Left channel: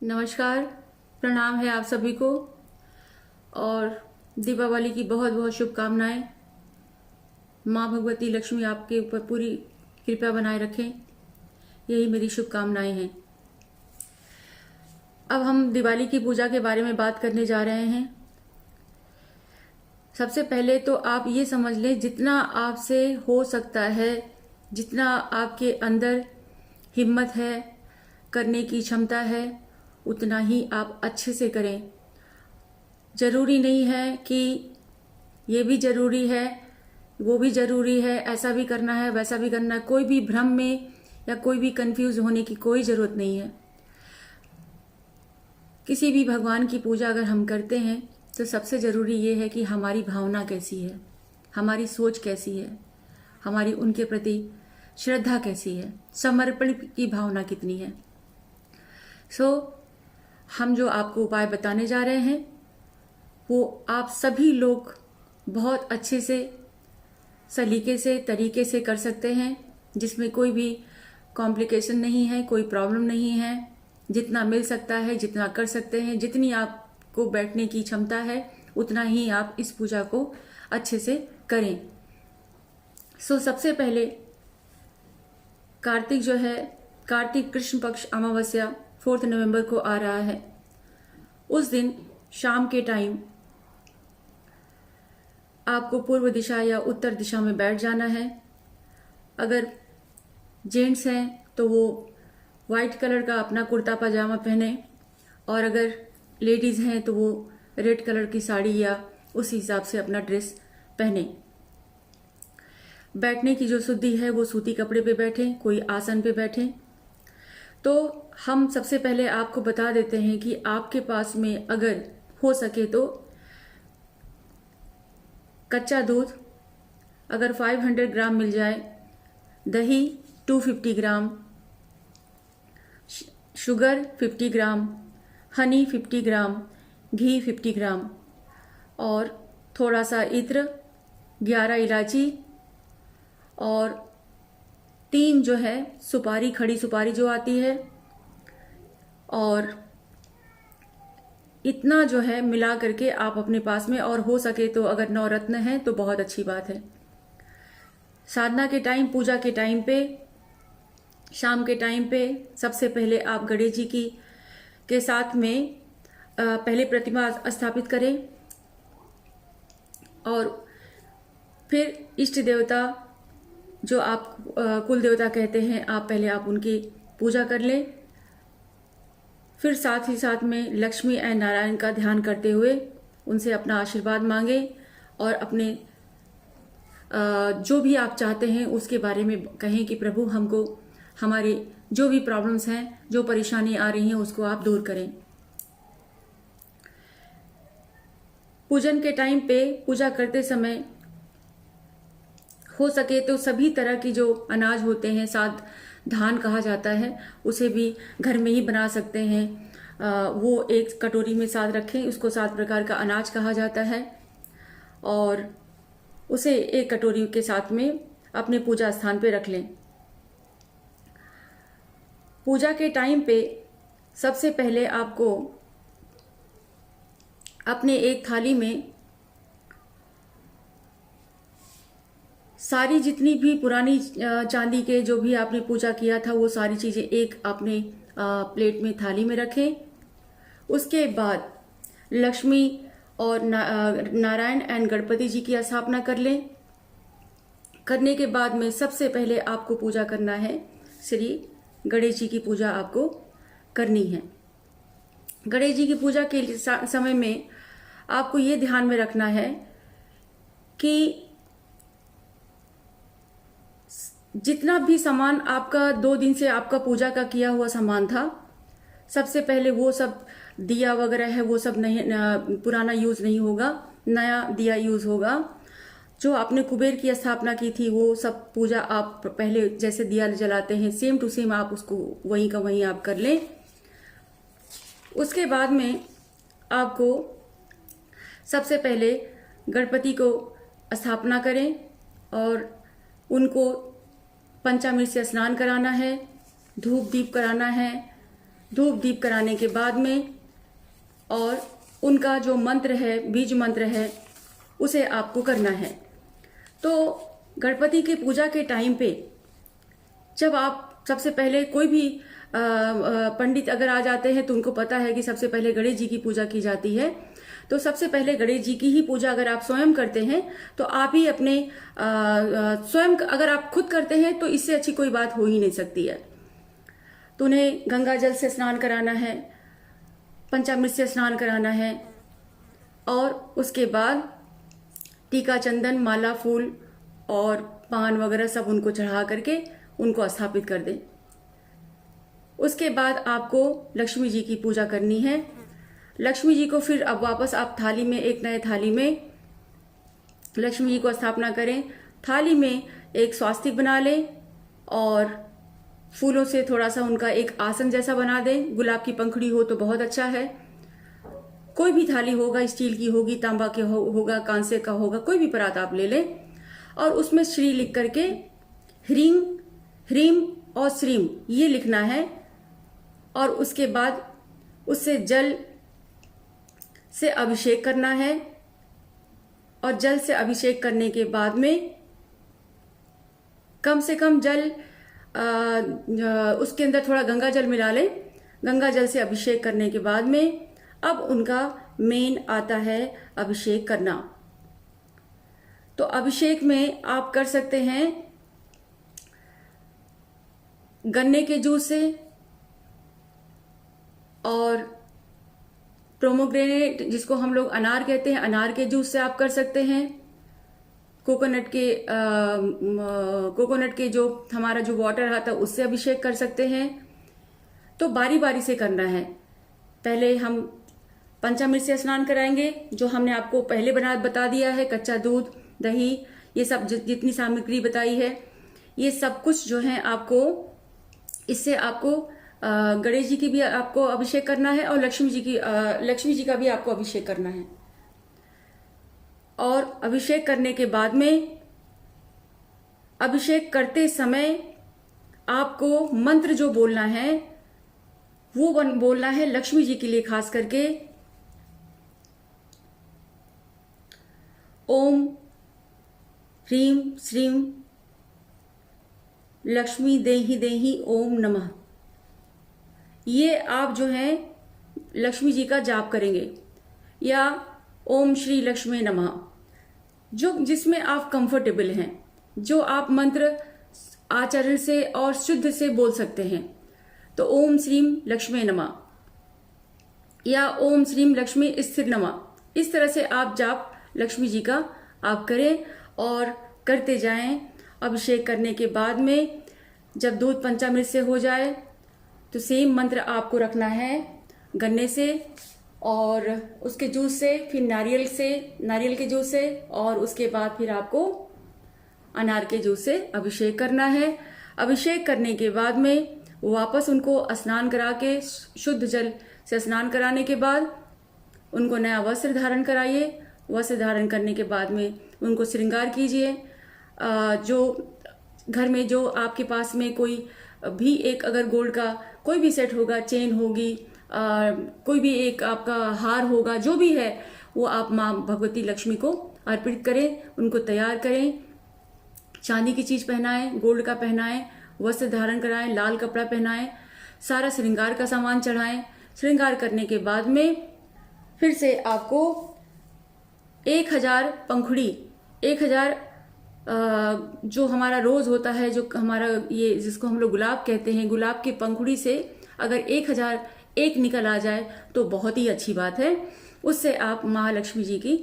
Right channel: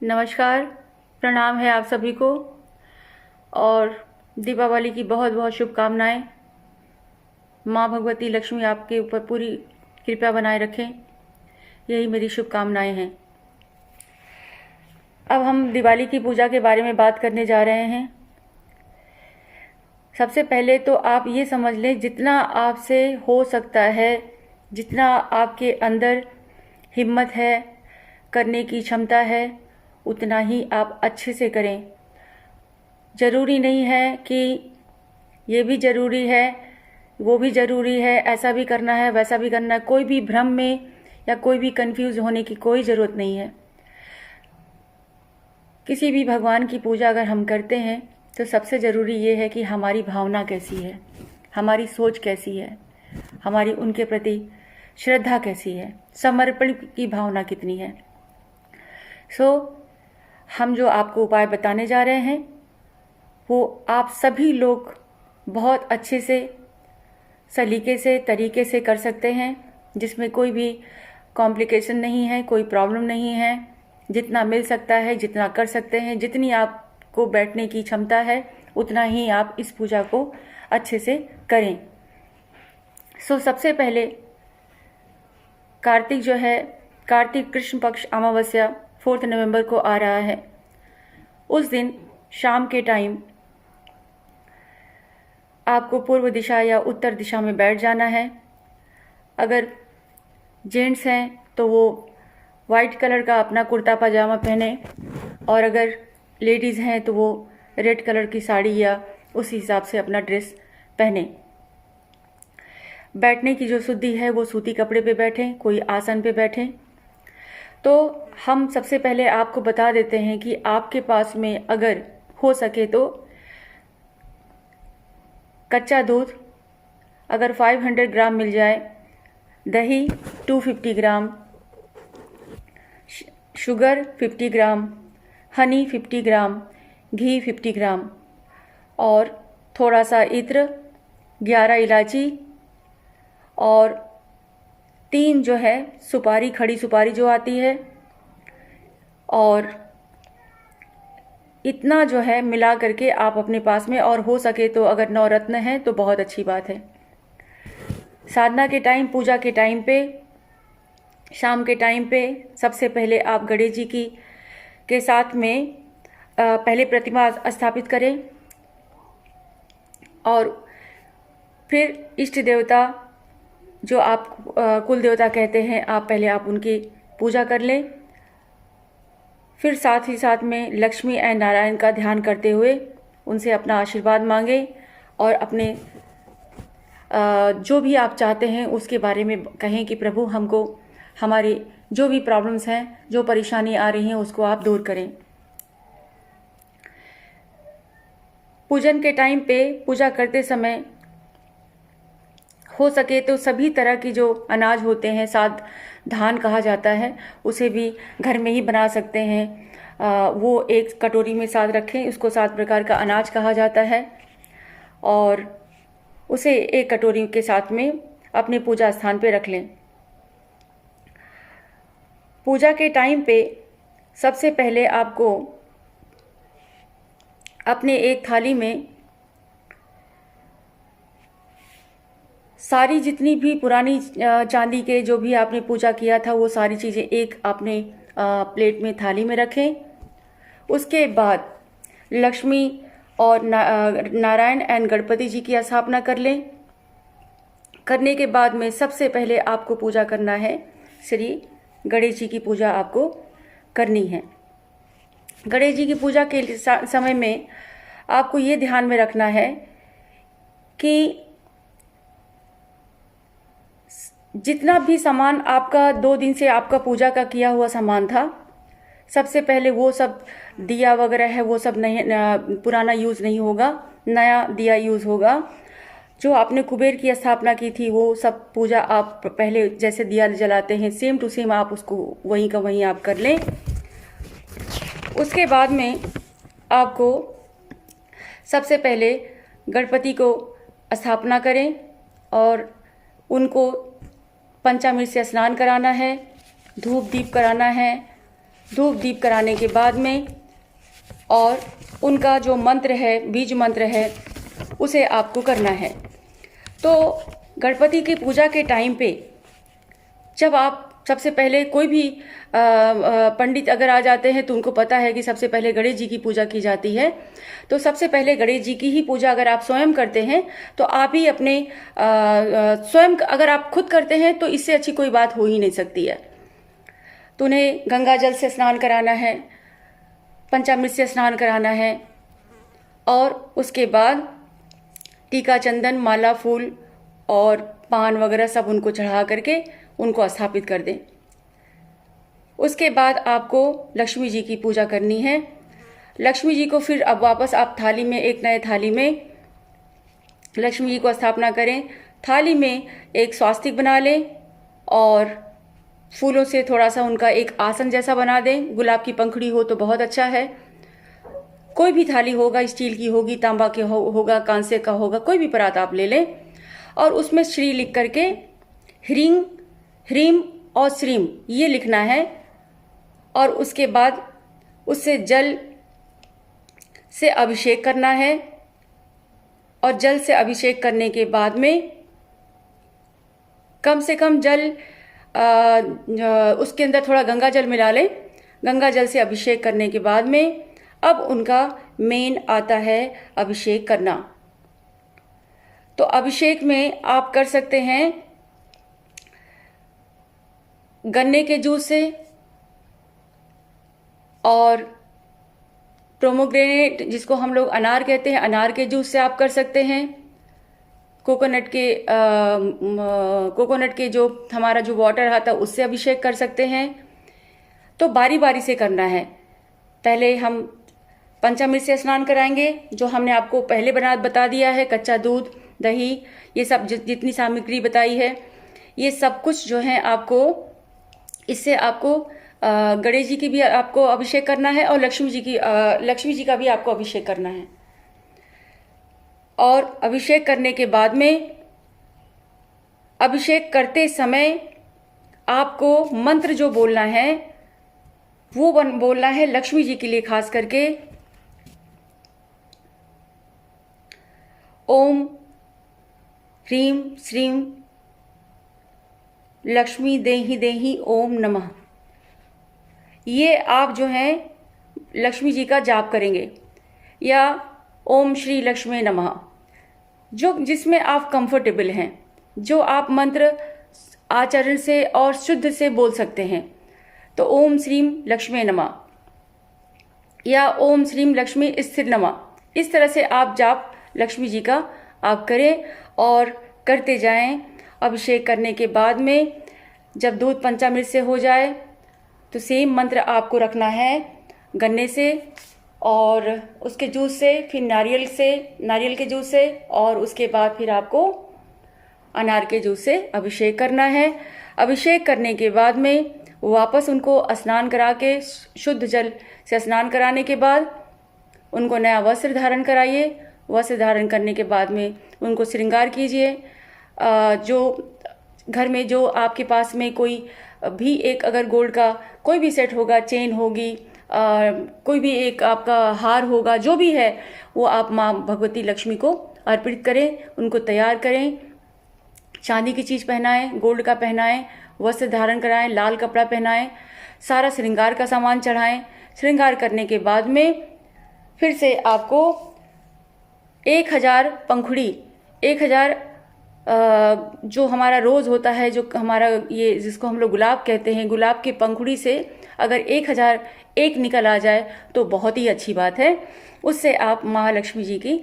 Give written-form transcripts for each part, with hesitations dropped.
नमस्कार, प्रणाम है आप सभी को और दीपावली की बहुत बहुत शुभकामनाएं। माँ भगवती लक्ष्मी आपके ऊपर पूरी कृपा बनाए रखें, यही मेरी शुभकामनाएं हैं। अब हम दिवाली की पूजा के बारे में बात करने जा रहे हैं। सबसे पहले तो आप ये समझ लें, जितना आपसे हो सकता है, जितना आपके अंदर हिम्मत है, करने की क्षमता है, उतना ही आप अच्छे से करें। ज़रूरी नहीं है कि ये भी ज़रूरी है, वो भी ज़रूरी है, ऐसा भी करना है, वैसा भी करना है। कोई भी भ्रम में या कोई भी कंफ्यूज होने की कोई ज़रूरत नहीं है। किसी भी भगवान की पूजा अगर हम करते हैं तो सबसे ज़रूरी ये है कि हमारी भावना कैसी है, हमारी सोच कैसी है, हमारी उनके प्रति श्रद्धा कैसी है, समर्पण की भावना कितनी है। हम जो आपको उपाय बताने जा रहे हैं वो आप सभी लोग बहुत अच्छे से, सलीके से, तरीके से कर सकते हैं, जिसमें कोई भी कॉम्प्लिकेशन नहीं है, कोई प्रॉब्लम नहीं है। जितना मिल सकता है, जितना कर सकते हैं, जितनी आपको बैठने की क्षमता है, उतना ही आप इस पूजा को अच्छे से करें। सबसे पहले कार्तिक जो है, कार्तिक कृष्ण पक्ष अमावस्या 4 नवंबर को आ रहा है। उस दिन शाम के टाइम आपको पूर्व दिशा या उत्तर दिशा में बैठ जाना है। अगर जेंट्स हैं तो वो वाइट कलर का अपना कुर्ता पजामा पहने, और अगर लेडीज़ हैं तो वो रेड कलर की साड़ी या उस हिसाब से अपना ड्रेस पहने। बैठने की जो शुद्धि है वो सूती कपड़े पे बैठें, कोई आसन पे बैठें। तो हम सबसे पहले आपको बता देते हैं कि आपके पास में अगर हो सके तो कच्चा दूध अगर 500 ग्राम मिल जाए, दही 250 ग्राम, शुगर 50 ग्राम, हनी 50 ग्राम, घी 50 ग्राम और थोड़ा सा इत्र, 11 इलायची और 3 जो है सुपारी, खड़ी सुपारी जो आती है, और इतना जो है मिला करके आप अपने पास में, और हो सके तो अगर 9 रत्न हैं तो बहुत अच्छी बात है। साधना के टाइम, पूजा के टाइम पे, शाम के टाइम पे सबसे पहले आप गणेश जी की के साथ में पहले प्रतिमा स्थापित करें और फिर इष्ट देवता जो आप कुल देवता कहते हैं, आप पहले आप उनकी पूजा कर लें। फिर साथ ही साथ में लक्ष्मी एंड नारायण का ध्यान करते हुए उनसे अपना आशीर्वाद मांगें और अपने जो भी आप चाहते हैं उसके बारे में कहें कि प्रभु हमको हमारे जो भी प्रॉब्लम्स हैं, जो परेशानी आ रही हैं, उसको आप दूर करें। पूजन के टाइम पे, पूजा करते समय हो सके तो सभी तरह की जो अनाज होते हैं, साथ धान कहा जाता है, उसे भी घर में ही बना सकते हैं। वो एक कटोरी में साथ रखें, उसको 7 प्रकार का अनाज कहा जाता है, और उसे एक कटोरी के साथ में अपने पूजा स्थान पे रख लें। पूजा के टाइम पे सबसे पहले आपको अपने एक थाली में सारी जितनी भी पुरानी चांदी के जो भी आपने पूजा किया था वो सारी चीज़ें एक आपने प्लेट में, थाली में रखें। उसके बाद लक्ष्मी और नारायण एंड गणपति जी की स्थापना कर लें। करने के बाद में सबसे पहले आपको पूजा करना है, श्री गणेश जी की पूजा आपको करनी है। गणेश जी की पूजा के समय में आपको ये ध्यान में रखना है कि जितना भी सामान आपका 2 दिन से आपका पूजा का किया हुआ सामान था, सबसे पहले वो सब दिया वगैरह है वो सब नहीं, पुराना यूज़ नहीं होगा, नया दिया यूज़ होगा। जो आपने कुबेर की स्थापना की थी वो सब पूजा आप पहले जैसे दिया जलाते हैं, सेम टू सेम आप उसको वहीं का वहीं आप कर लें। उसके बाद में आपको सबसे पहले गणपति को स्थापना करें और उनको पंचामृत से स्नान कराना है, धूप दीप कराना है, धूप दीप कराने के बाद में, और उनका जो मंत्र है, बीज मंत्र है, उसे आपको करना है। तो गणपति की पूजा के टाइम पे जब आप सबसे पहले कोई भी पंडित अगर आ जाते हैं तो उनको पता है कि सबसे पहले गणेश जी की पूजा की जाती है। तो सबसे पहले गणेश जी की ही पूजा अगर आप स्वयं करते हैं तो आप ही अपने स्वयं अगर आप खुद करते हैं तो इससे अच्छी कोई बात हो ही नहीं सकती है। तो उन्हें गंगा जल से स्नान कराना है, पंचामृत से स्नान कराना है, और उसके बाद टीका, चंदन, माला, फूल और पान वगैरह सब उनको चढ़ा करके उनको स्थापित कर दें। उसके बाद आपको लक्ष्मी जी की पूजा करनी है। लक्ष्मी जी को फिर अब वापस आप थाली में, एक नए थाली में लक्ष्मी जी को स्थापना करें। थाली में एक स्वास्तिक बना लें और फूलों से थोड़ा सा उनका एक आसन जैसा बना दें। गुलाब की पंखुड़ी हो तो बहुत अच्छा है। कोई भी थाली होगा, स्टील की होगी, तांबा की होगा, कांसे का होगा, कोई भी परात आप ले लें और उसमें श्री लिख करके ह्रीं, ह्रीम और श्रीम ये लिखना है। और उसके बाद उससे जल से अभिषेक करना है, और जल से अभिषेक करने के बाद में कम से कम जल उसके अंदर थोड़ा गंगा जल मिला लें। गंगा जल से अभिषेक करने के बाद में अब उनका मेन आता है अभिषेक करना। तो अभिषेक में आप कर सकते हैं गन्ने के जूस से, और प्रोमोग्रेनेट जिसको हम लोग अनार कहते हैं, अनार के जूस से आप कर सकते हैं। कोकोनट के जो हमारा जो वाटर आता है उससे अभिषेक कर सकते हैं। तो बारी बारी से करना है। पहले हम पंचामृत से स्नान कराएंगे, जो हमने आपको पहले बता दिया है। कच्चा दूध, दही, ये सब जितनी सामग्री बताई है, ये सब कुछ जो है आपको, इससे आपको गणेश जी की भी आपको अभिषेक करना है और लक्ष्मी जी का भी आपको अभिषेक करना है। और अभिषेक करने के बाद में, अभिषेक करते समय आपको मंत्र जो बोलना है वो बोलना है लक्ष्मी जी के लिए खास करके, ओम ह्रीं श्रीं लक्ष्मी देहि देहि ओम नमः। ये आप जो हैं लक्ष्मी जी का जाप करेंगे, या ओम श्री लक्ष्मी नमः, जो जिसमें आप कंफर्टेबल हैं, जो आप मंत्र आचरण से और शुद्ध से बोल सकते हैं। तो ओम श्रीं लक्ष्मी नमः या ओम श्रीं लक्ष्मी स्थिर नमः, इस तरह से आप जाप लक्ष्मी जी का आप करें और करते जाएं। अभिषेक करने के बाद में जब दूध पंचामृत से हो जाए तो सेम मंत्र आपको रखना है गन्ने से, और उसके जूस से, फिर नारियल के जूस से, और उसके बाद फिर आपको अनार के जूस से अभिषेक करना है। अभिषेक करने के बाद में वापस उनको स्नान करा के, शुद्ध जल से स्नान कराने के बाद उनको नया वस्त्र धारण कराइए। वस्त्र धारण करने के बाद में उनको श्रृंगार कीजिए। जो घर में जो आपके पास में कोई भी एक अगर गोल्ड का कोई भी सेट होगा, चेन होगी, कोई भी एक आपका हार होगा, जो भी है वो आप माँ भगवती लक्ष्मी को अर्पित करें, उनको तैयार करें। चांदी की चीज पहनाएं, गोल्ड का पहनाएं, वस्त्र धारण कराएं, लाल कपड़ा पहनाएं, सारा श्रृंगार का सामान चढ़ाएं। श्रृंगार करने के बाद में फिर से आपको 1000 पंखुड़ी, 1000 जो हमारा रोज होता है, जो हमारा ये जिसको हम लोग गुलाब कहते हैं, गुलाब की पंखुड़ी से अगर 1001 निकल आ जाए तो बहुत ही अच्छी बात है। उससे आप महालक्ष्मी जी की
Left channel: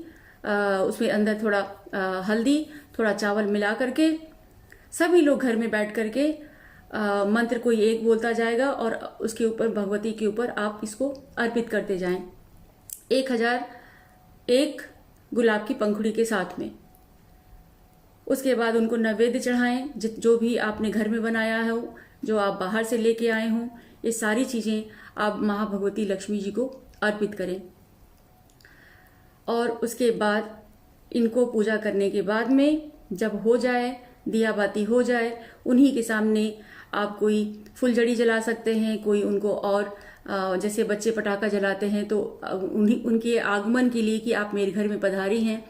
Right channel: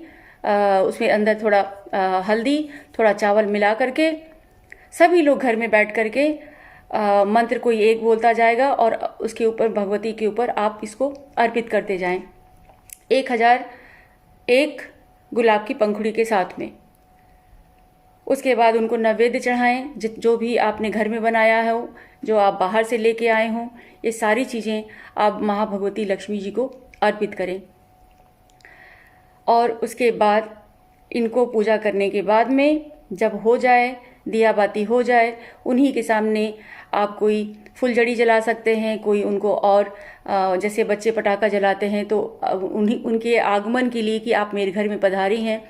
उसमें अंदर थोड़ा हल्दी, थोड़ा चावल मिला करके सभी लोग घर में बैठ करके मंत्र कोई एक बोलता जाएगा और उसके ऊपर, भगवती के ऊपर आप इसको अर्पित करते जाएं 1001 गुलाब की पंखुड़ी के साथ में। उसके बाद उनको नैवेद्य चढ़ाएं, जो भी आपने घर में बनाया हो, जो आप बाहर से लेके आए हों, ये सारी चीज़ें आप महाभगवती लक्ष्मी जी को अर्पित करें। और उसके बाद इनको पूजा करने के बाद में जब हो जाए, दिया बाती हो जाए, उन्हीं के सामने आप कोई फुलझड़ी जला सकते हैं, कोई उनको और जैसे बच्चे पटाखा जलाते हैं तो उनके आगमन के लिए कि आप मेरे घर में पधारी हैं,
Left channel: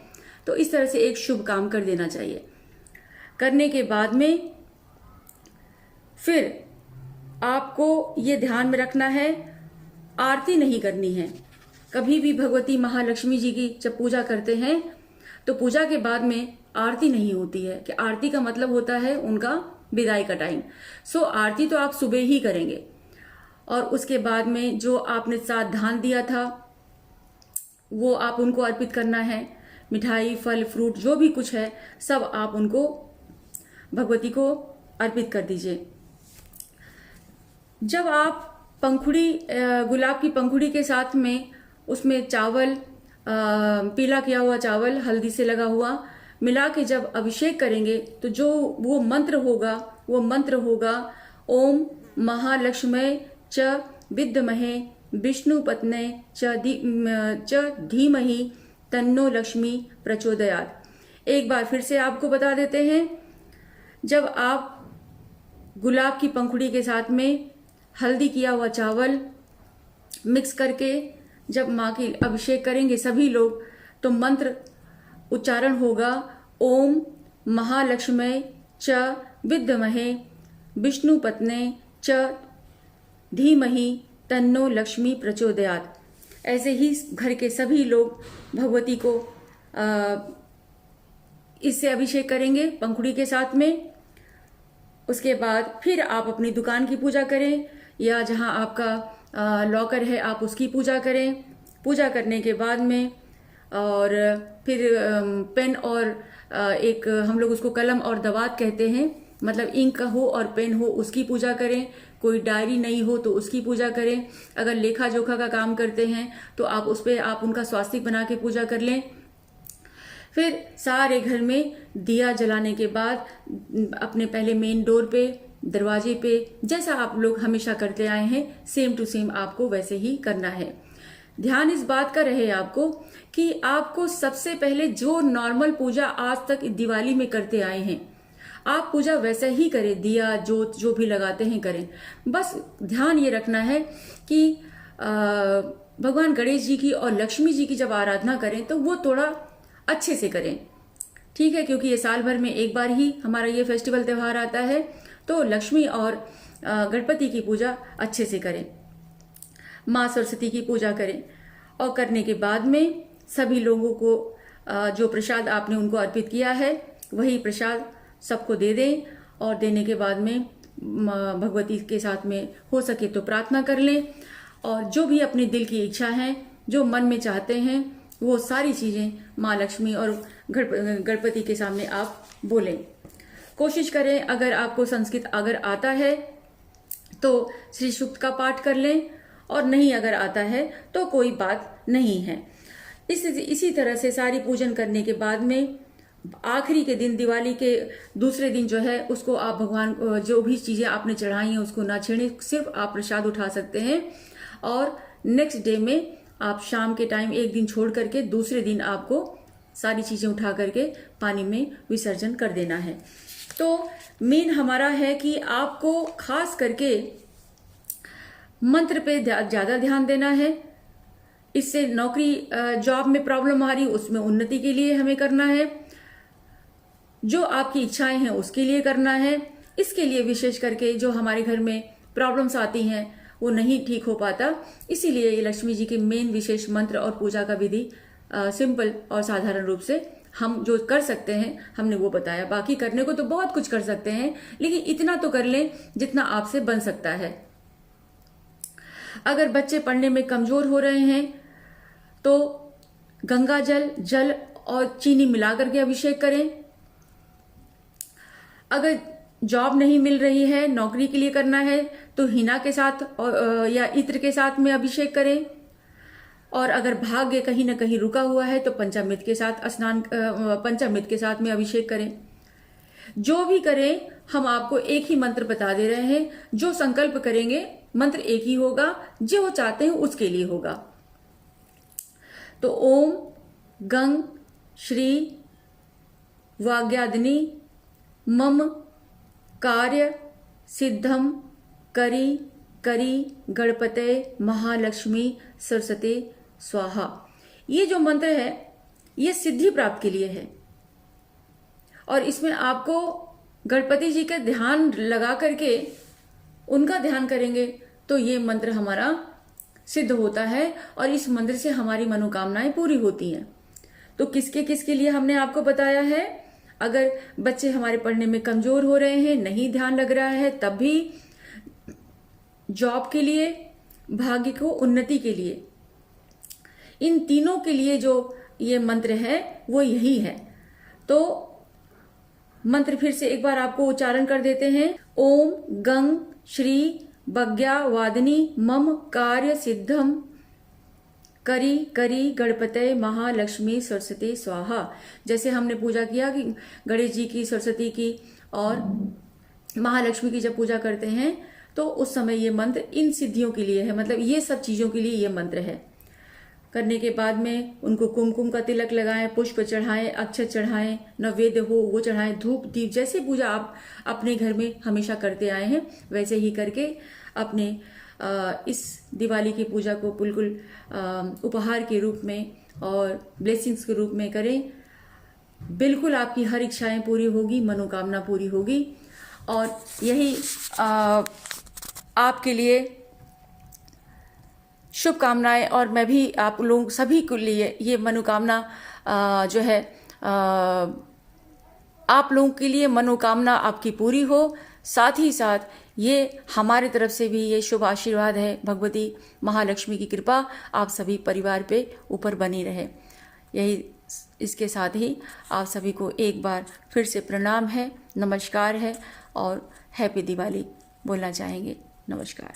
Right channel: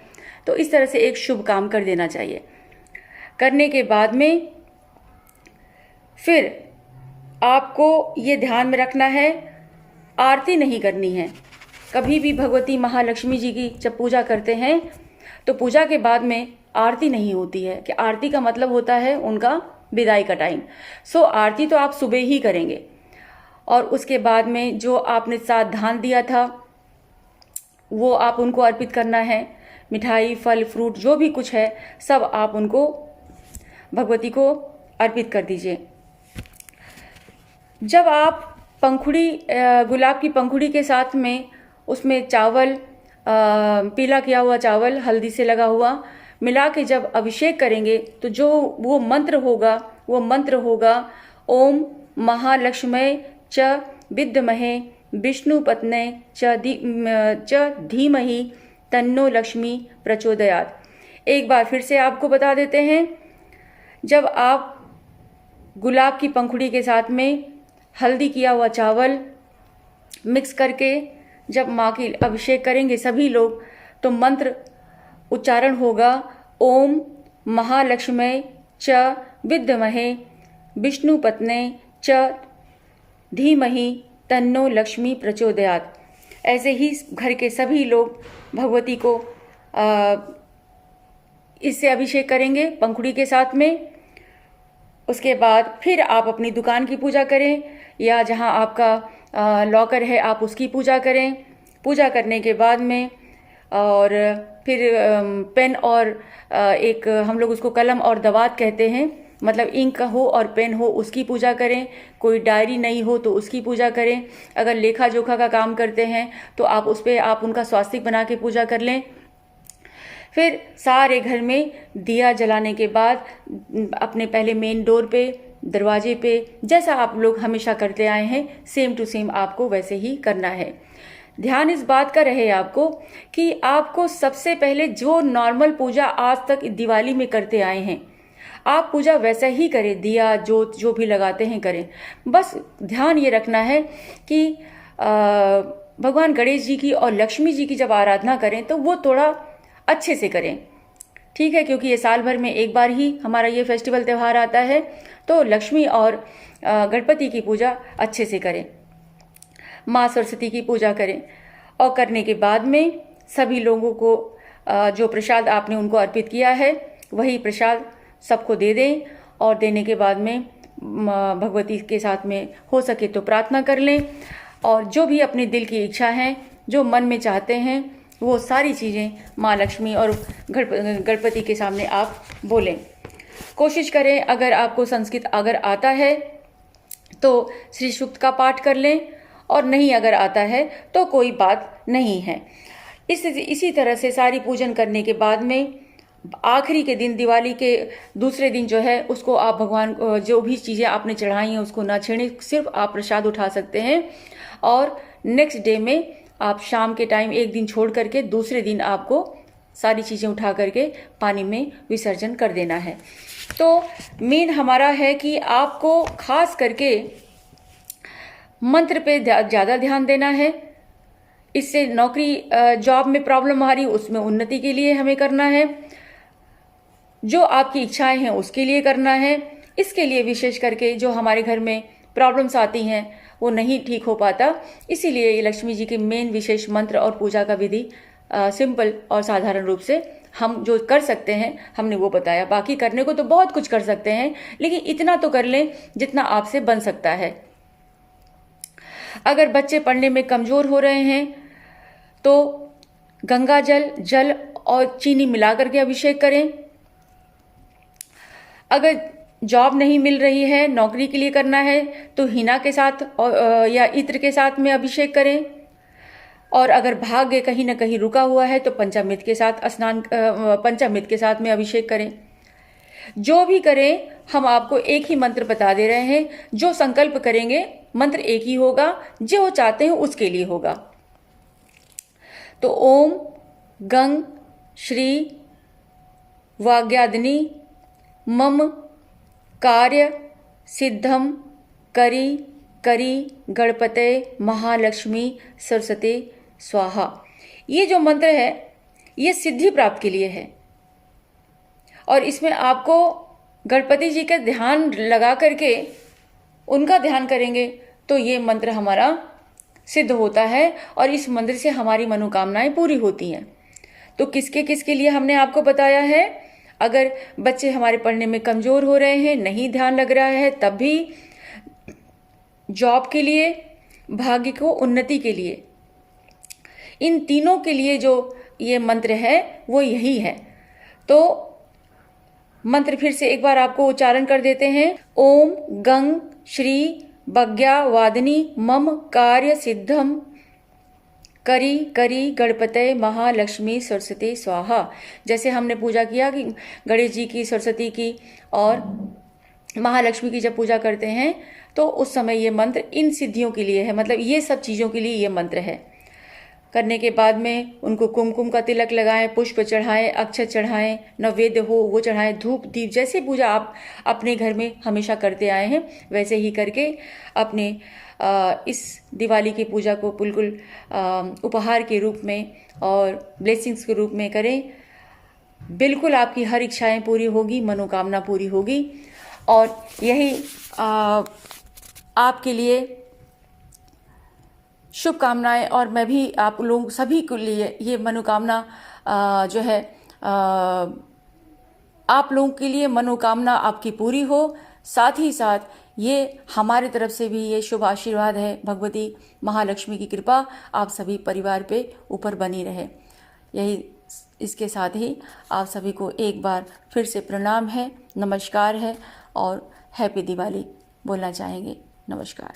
तो इस तरह से एक शुभ काम कर देना चाहिए। करने के बाद में फिर आपको ये ध्यान में रखना है, आरती नहीं करनी है। कभी भी भगवती महालक्ष्मी जी की जब पूजा करते हैं तो पूजा के बाद में आरती नहीं होती है, कि आरती का मतलब होता है उनका विदाई का टाइम। सो आरती तो आप सुबह ही करेंगे, और उसके बाद में जो आपने साथ धान दिया था वो आप उनको अर्पित करना है। मिठाई, फल, फ्रूट जो भी कुछ है सब आप उनको, भगवती को अर्पित कर दीजिए। जब आप पंखुड़ी, गुलाब की पंखुड़ी के साथ में उसमें चावल, पीला किया हुआ चावल हल्दी से लगा हुआ मिला के जब अभिषेक करेंगे तो जो वो मंत्र होगा ओम महालक्ष्मी च विद्महे विष्णुपत्ने च धीमहि तन्नो लक्ष्मी प्रचोदयात्। एक बार फिर से आपको बता देते हैं, जब आप गुलाब की पंखुड़ी के साथ में हल्दी किया हुआ चावल मिक्स करके जब माँ की अभिषेक करेंगे सभी लोग, तो मंत्र उच्चारण होगा ओम महालक्ष्मी च विद्महे विष्णुपत्ने च धीमहि तन्नो लक्ष्मी प्रचोदयात्। ऐसे ही घर के सभी लोग भगवती को इससे अभिषेक करेंगे पंखुड़ी के साथ में। उसके बाद फिर आप अपनी दुकान की पूजा करें, या जहां आपका लॉकर है आप उसकी पूजा करें। पूजा करने के बाद में और फिर पेन और एक हम लोग उसको कलम और दवात कहते हैं, मतलब इंक हो और पेन हो उसकी पूजा करें। कोई डायरी नहीं हो तो उसकी पूजा करें। अगर लेखा जोखा का काम करते हैं तो आप उस पर आप उनका स्वास्तिक बना के पूजा कर लें। फिर सारे घर में दिया जलाने के बाद अपने पहले मेन डोर पे, दरवाजे पे, जैसा आप लोग हमेशा करते आए हैं सेम टू सेम आपको वैसे ही करना है। ध्यान इस बात का रहे आपको कि आपको सबसे पहले जो नॉर्मल पूजा आज तक दिवाली में करते आए हैं आप पूजा वैसा ही करें, दिया जो भी लगाते हैं करें। बस ध्यान ये रखना है कि भगवान गणेश जी की और लक्ष्मी जी की जब आराधना करें तो वो थोड़ा अच्छे से करें, ठीक है, क्योंकि ये साल भर में एक बार ही हमारा ये फेस्टिवल त्यौहार आता है। तो लक्ष्मी और गणपति की पूजा अच्छे से करें, माँ सरस्वती की पूजा करें, और करने के बाद में सभी लोगों को जो प्रसाद आपने उनको अर्पित किया है वही प्रसाद सबको दे दें। और देने के बाद में भगवती के साथ में हो सके तो प्रार्थना कर लें, और जो भी अपने दिल की इच्छा है, जो मन में चाहते हैं, वो सारी चीज़ें माँ लक्ष्मी और गणपति के सामने आप बोलें। कोशिश करें, अगर आपको संस्कृत अगर आता है तो श्री सूक्त का पाठ कर लें, और नहीं अगर आता है तो कोई बात नहीं है। इसी तरह से सारी पूजन करने के बाद में आखिरी के दिन, दिवाली के दूसरे दिन जो है उसको आप भगवान जो भी चीज़ें आपने चढ़ाई हैं उसको ना छेड़ें, सिर्फ आप प्रसाद उठा सकते हैं। और नेक्स्ट डे में आप शाम के टाइम एक दिन छोड़ करके दूसरे दिन आपको सारी चीज़ें उठा करके पानी में विसर्जन कर देना है। तो मेन हमारा है कि आपको खास करके मंत्र पे ज़्यादा ध्यान देना है। इससे नौकरी जॉब में प्रॉब्लम आ रही उसमें उन्नति के लिए हमें करना है, जो आपकी इच्छाएं हैं उसके लिए करना है। इसके लिए विशेष करके जो हमारे घर में प्रॉब्लम्स आती हैं वो नहीं ठीक हो पाता, इसीलिए ये लक्ष्मी जी के मेन विशेष मंत्र और पूजा का विधि सिंपल और साधारण रूप से हम जो कर सकते हैं हमने वो बताया। बाकी करने को तो बहुत कुछ कर सकते हैं, लेकिन इतना तो कर लें जितना आपसे बन सकता है। अगर बच्चे पढ़ने में कमजोर हो रहे हैं तो गंगा जल और चीनी मिला करके अभिषेक करें। अगर जॉब नहीं मिल रही है, नौकरी के लिए करना है, तो हिना के साथ या इत्र के साथ में अभिषेक करें। और अगर भाग्य कहीं ना कहीं रुका हुआ है तो पंचामृत के साथ पंचामृत के साथ में अभिषेक करें। जो भी करें हम आपको एक ही मंत्र बता दे रहे हैं, जो संकल्प करेंगे मंत्र एक ही होगा, जो चाहते हैं उसके लिए होगा। तो ओम गंग श्री वाग्यादिनी मम कार्य सिद्धम करी करी गणपते महालक्ष्मी सरस्वती स्वाहा। ये जो मंत्र है ये सिद्धि प्राप्त के लिए है और इसमें आपको गणपति जी का ध्यान लगा करके उनका ध्यान करेंगे तो ये मंत्र हमारा सिद्ध होता है और इस मंत्र से हमारी मनोकामनाएं पूरी होती हैं। तो किसके किसके लिए हमने आपको बताया है। अगर बच्चे हमारे पढ़ने में कमजोर हो रहे हैं, नहीं ध्यान लग रहा है, तब भी जॉब के लिए, भाग्य को उन्नति के लिए, इन तीनों के लिए जो ये मंत्र है वो यही है। तो मंत्र फिर से एक बार आपको उच्चारण कर देते हैं। ओम गंग श्री बज्ञा वादिनी मम कार्य सिद्धम करी करी गणपते महालक्ष्मी सरस्वती स्वाहा। जैसे हमने पूजा किया कि गणेश जी की, सरस्वती की और महालक्ष्मी की जब पूजा करते हैं तो उस समय ये मंत्र इन सिद्धियों के लिए है, मतलब ये सब चीज़ों के लिए ये मंत्र है। करने के बाद में उनको कुमकुम का तिलक लगाएं, पुष्प चढ़ाएं, अक्षत चढ़ाएं, नैवेद्य हो वो चढ़ाएं, धूप दीप जैसे पूजा आप अपने घर में हमेशा करते आए हैं वैसे ही करके अपने इस दिवाली की पूजा को बिल्कुल उपहार के रूप में और ब्लेसिंग्स के रूप में करें। बिल्कुल आपकी हर इच्छाएं पूरी होगी, मनोकामना पूरी होगी और यही आपके लिए शुभकामनाएं। और मैं भी आप लोग सभी के लिए ये मनोकामना जो है आप लोगों के लिए मनोकामना आपकी पूरी हो। साथ ही साथ ये हमारे तरफ से भी ये शुभ आशीर्वाद है, भगवती महालक्ष्मी की कृपा आप सभी परिवार पे ऊपर बनी रहे। यही इसके साथ ही आप सभी को एक बार फिर से प्रणाम है, नमस्कार है और हैप्पी दिवाली बोलना चाहेंगे। नमस्कार।